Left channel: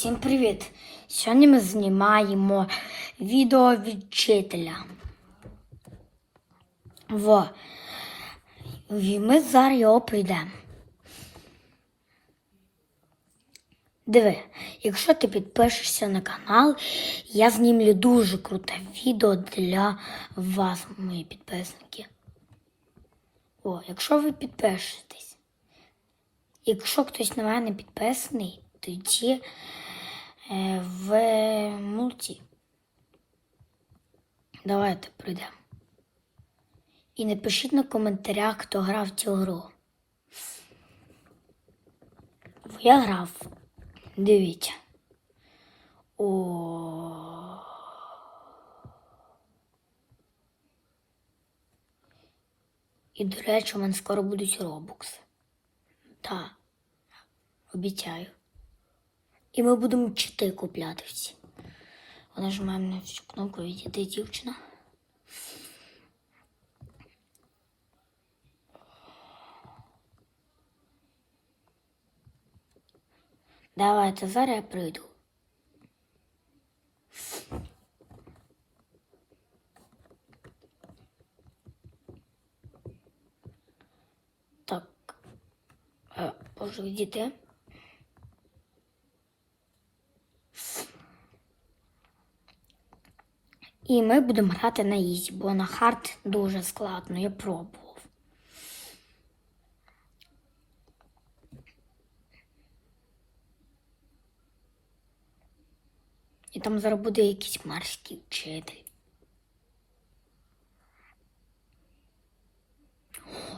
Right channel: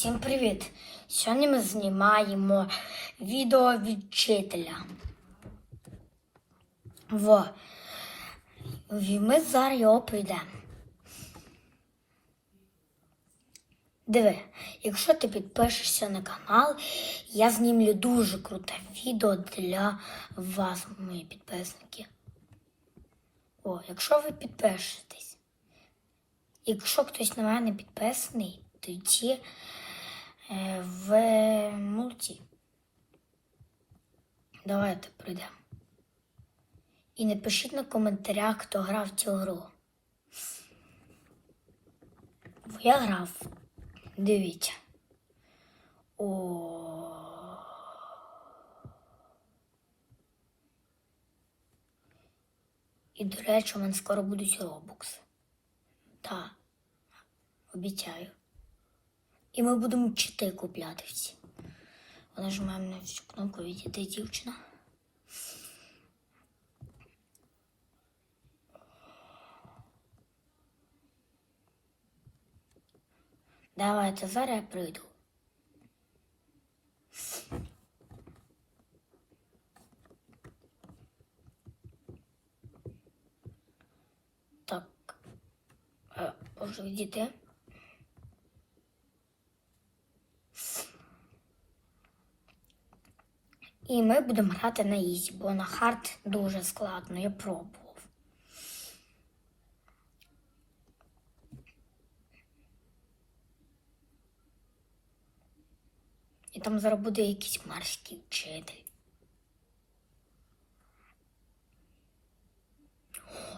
Всім привіт! Сьогодні ми знімаємо відео від вчителя. Во. Ми зараз його прийдемо. Диви, якщо ти підпишешся на канал, я знімлю дуже круте відео для вас, мої підписники. О, якщо ви підпишетесь. Якщо хтось на мене підписаний, тоді в мульті. Давайте пройдемо. І напишіть на коментарях, хто грав цю гру. Я грав. Дивіться. О. І, до речі, у мене скоро будуть робокси. Так, обіцяю. І ми будемо чити купляти всі. Нажимаємо на цю кнопку відійти дівчина. Давайте зараз я прийду. Так. Е, Можу відійти. І ми будемо грати на ізі, бо на хард дуже складно, я пробував. І там зараз буде якийсь марський вчитель.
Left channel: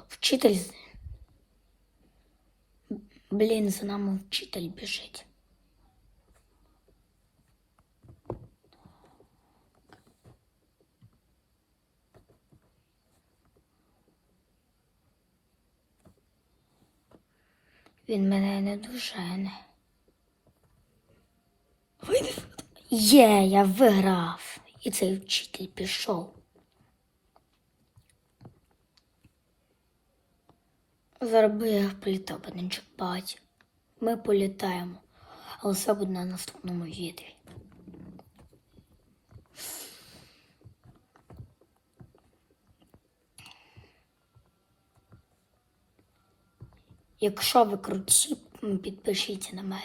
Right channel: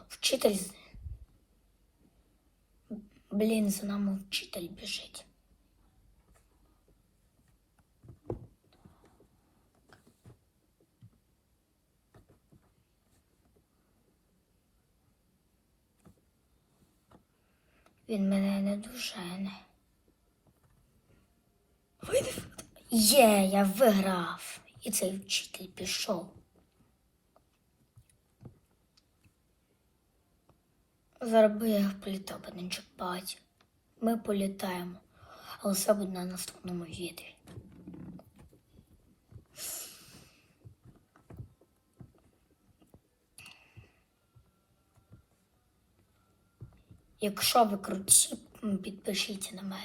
Вчитель. Блін, за нами вчитель біжить. Він мене не дожене. Є, я виграв. І цей вчитель пішов. Зараз би я політав би не чіпати. Ми політаємо, але все буде на наступному відео. Якщо ви круті, підпишіться на мене.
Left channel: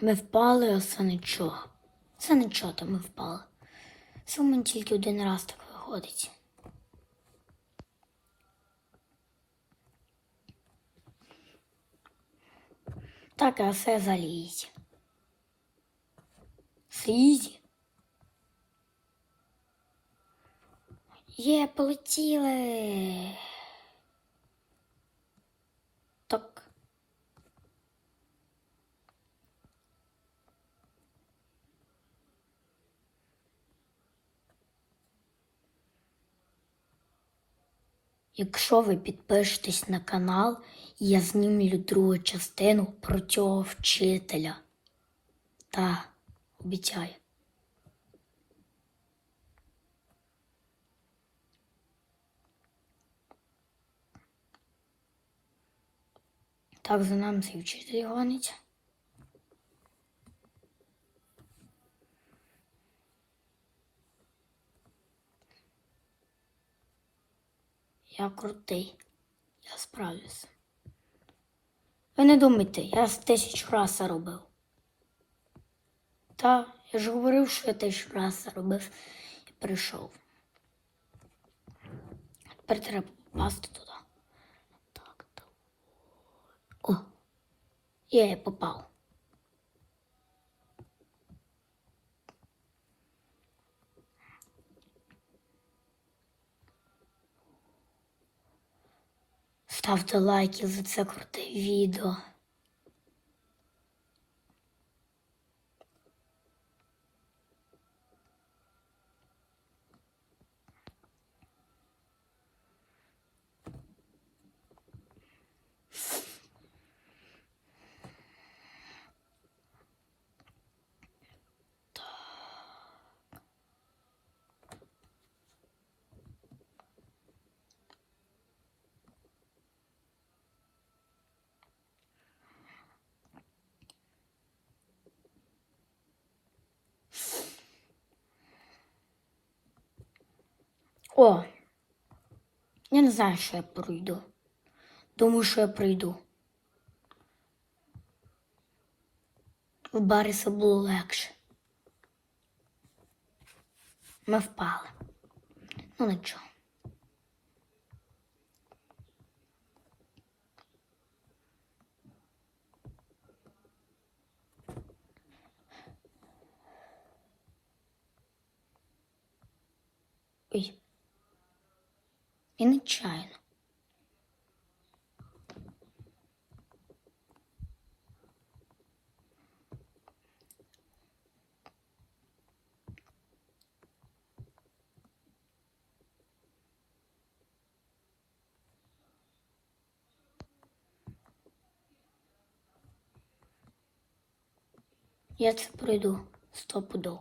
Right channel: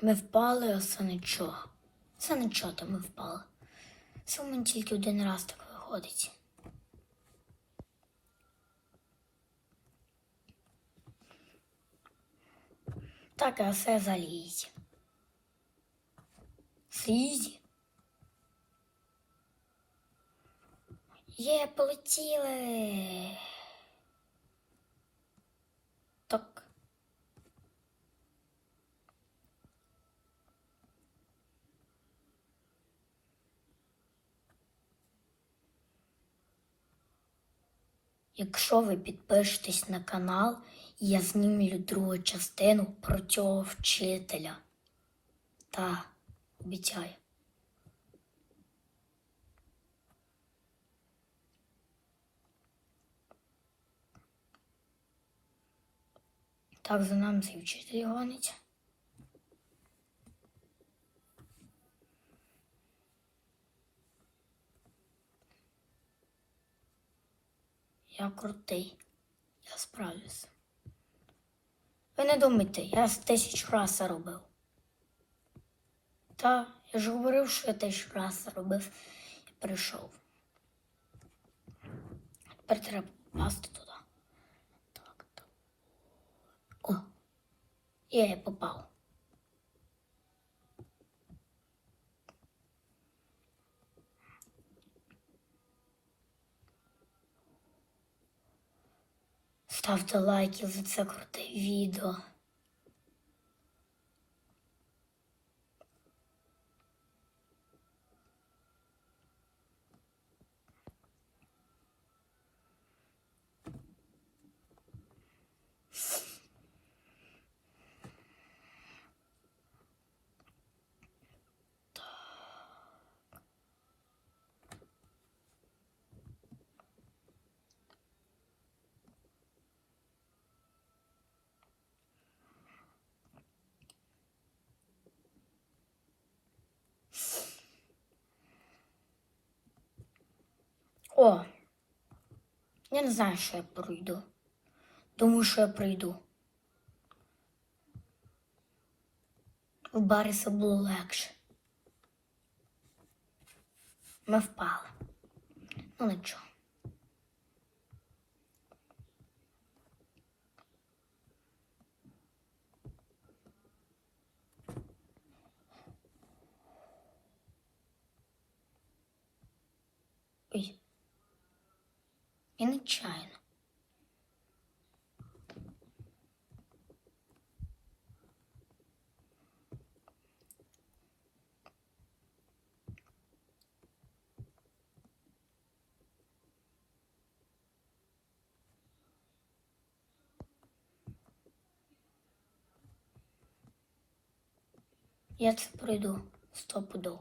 Ми впали, а це нічого. Це нічого, то ми впали. Мене тільки один раз так виходить. Так, а все залізь. Слізь. Є, полетіли. Так. Якщо ви підпишетесь на канал, я знімлю другу частину про цього вчителя. Та, обіцяю. Так, за нами цей вчитель гонить. Я крутий. Я справлюся. Ви не думайте, я тисячу раз робив. Та, я ж говорив, що я тисячу раз робив і прийшов. Тепер треба попасти туди. Так, так. О! Я попав. Ставте лайки за це круте відео. О! Я не знаю, що я пройду. Думаю, що я прийду. У Бариса було легше. Ми впали. Ну нічого. Ой. І нечайно. Я це пройду стопудов.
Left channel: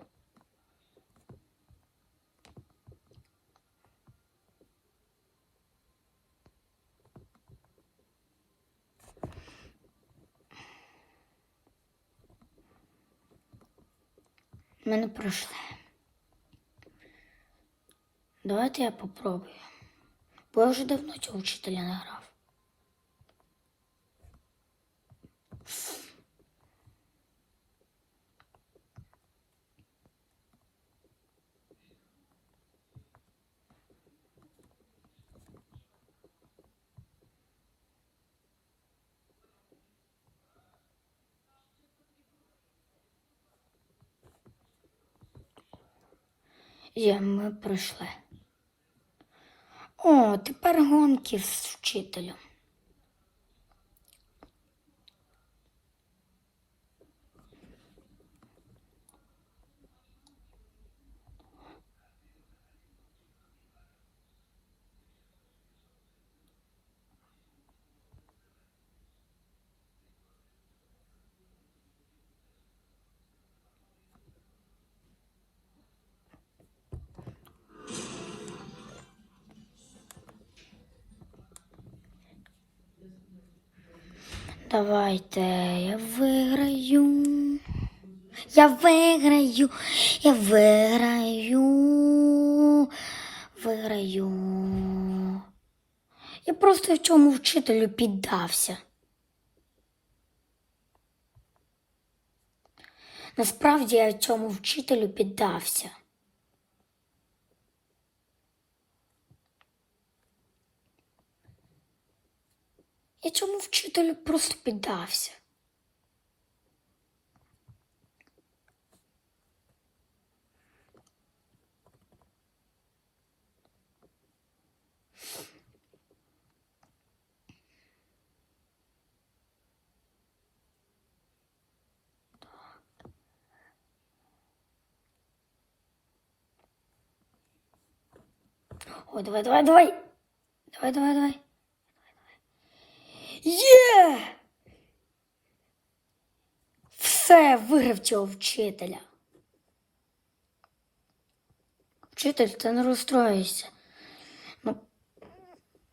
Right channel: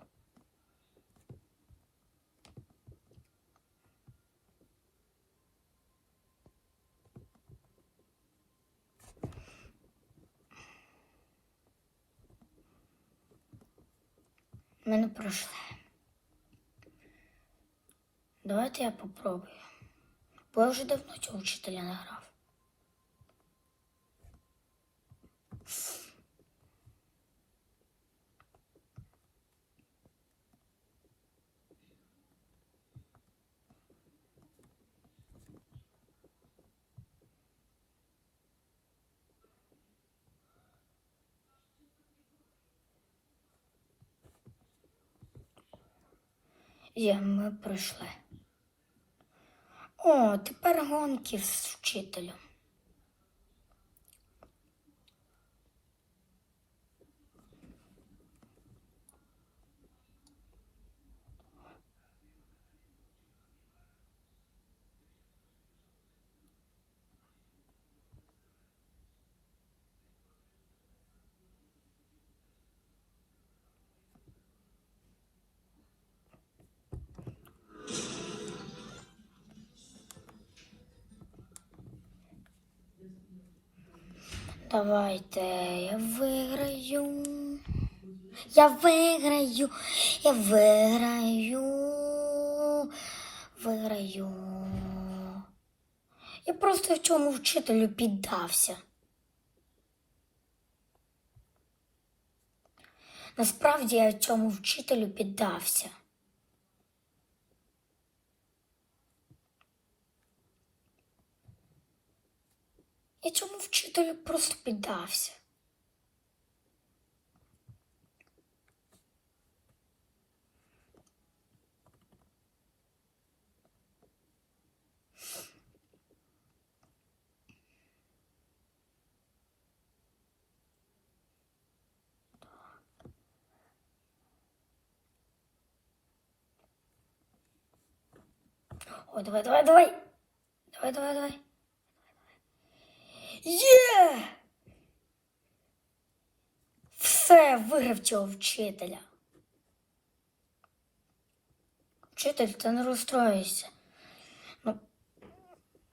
Ми не пройшли. Давайте я попробую. Бо я вже давно цього вчителя не. Є, ми пройшли. О, тепер гонки з вчителем. Давайте я виграю. Я виграю. Я виграю. Виграю. Я просто в цьому вчителю піддався. Насправді я цьому вчителю піддався. Я цьому вчителю просто піддався. О, давай, давай, давай. Давай, давай, давай. Є! Все, виграв цього вчителя. Вчитель, ти не розстроїшся. Ну,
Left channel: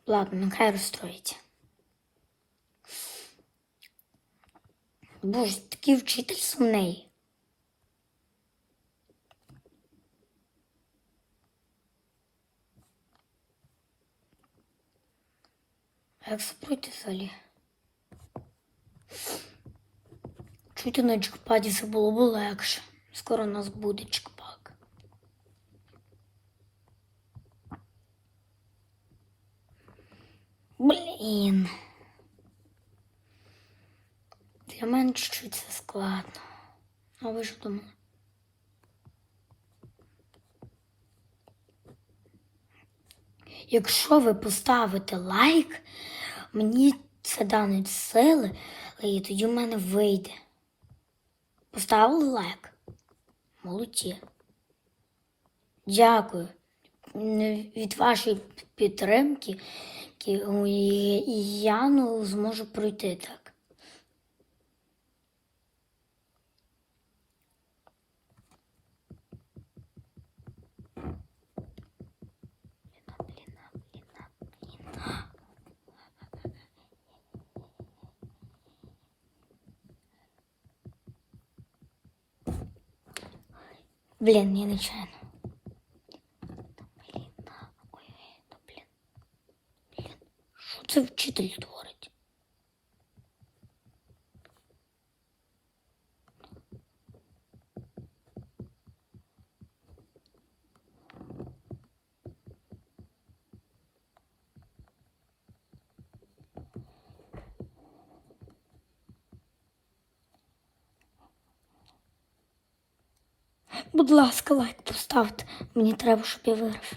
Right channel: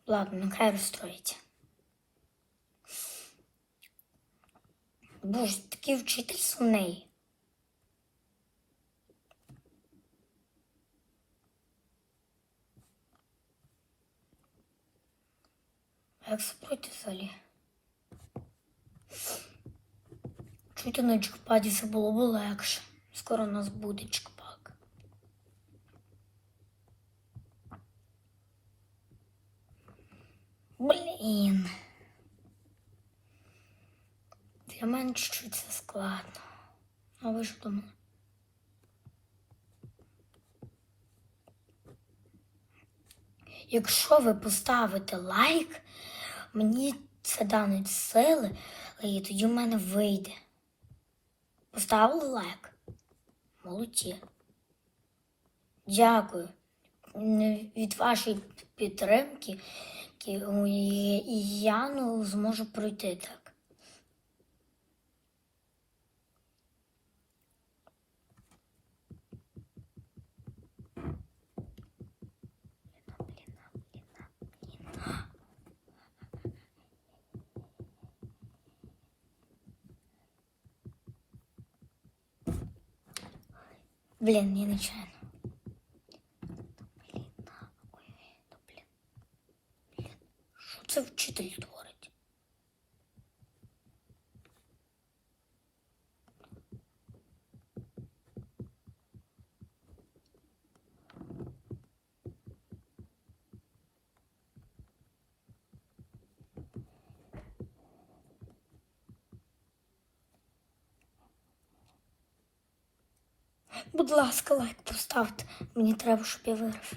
ладно, нехай розстроїться. Боже, такий вчитель сумний. Спройти взагалі? Чути на джекпаді це було б легше. Скоро у нас буде джекпак. Блін. Для мене чуть-чуть це складно. А ви ж думали? Якщо ви поставите лайк, мені це данить сили, і тоді в мене вийде. Поставили лайк? Молодці. Дякую. Від вашої підтримки я ну, зможу пройти так. Блин, не начально. Блин, ой, ну блин. Блин, что ты вчитали тут? Будь ласка, лайк поставте. Мені треба, щоб я виграв.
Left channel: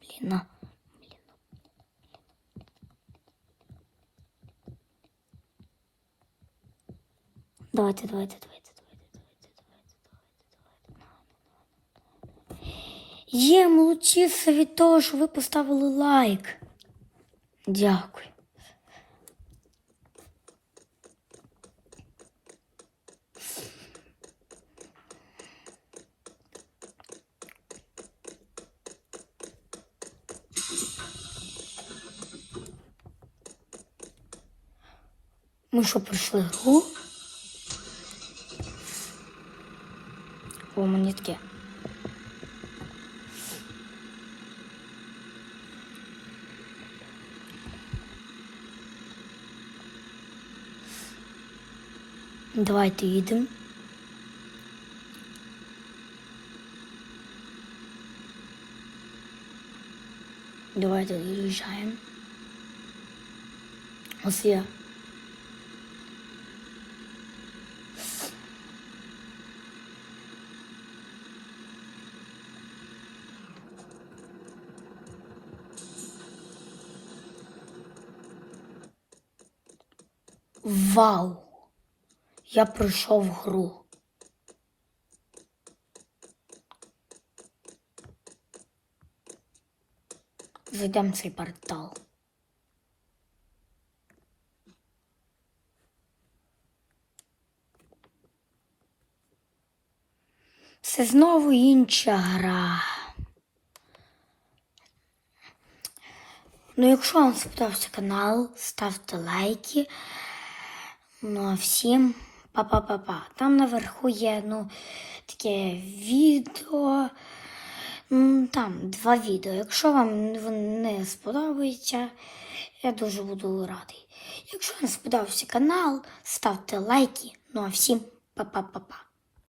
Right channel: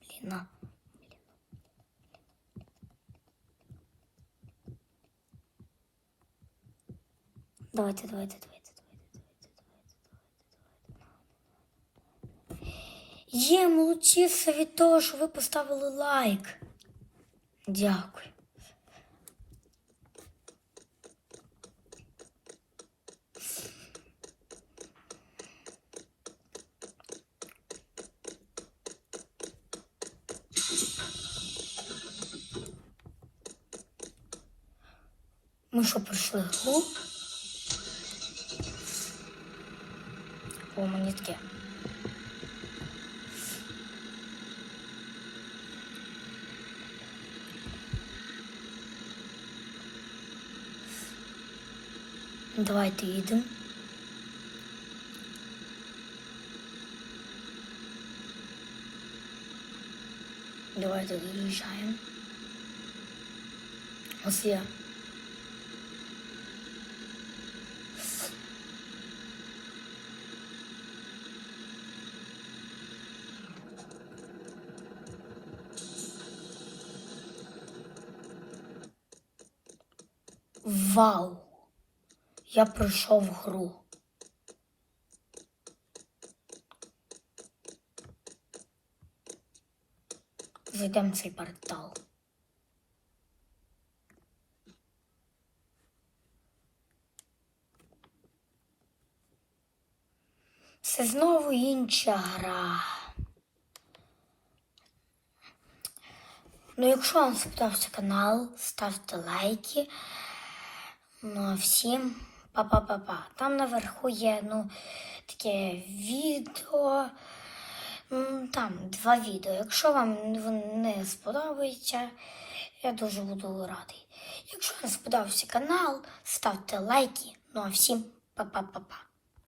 Блін, на. Давайте, давайте, давайте, давайте, давайте, давайте, давайте. Є, молодчіться від того, що ви поставили лайк. Дякую. Ми що пройшли гру? О, мені Давайте їдемо. Давайте виїжджаємо. Ось я. Вау! Я пройшов гру. Зайдемо в цей портал. Це знову інша гра. Ну, якщо вам сподобався канал, ставте лайки. Ну, а всім па-па-па-па. Там наверху є ну, таке відео. Там два відео. Якщо вам не сподобається, я дуже буду радий. Якщо не сподобався канал, ставте лайки. Ну а всім па-па-па-па.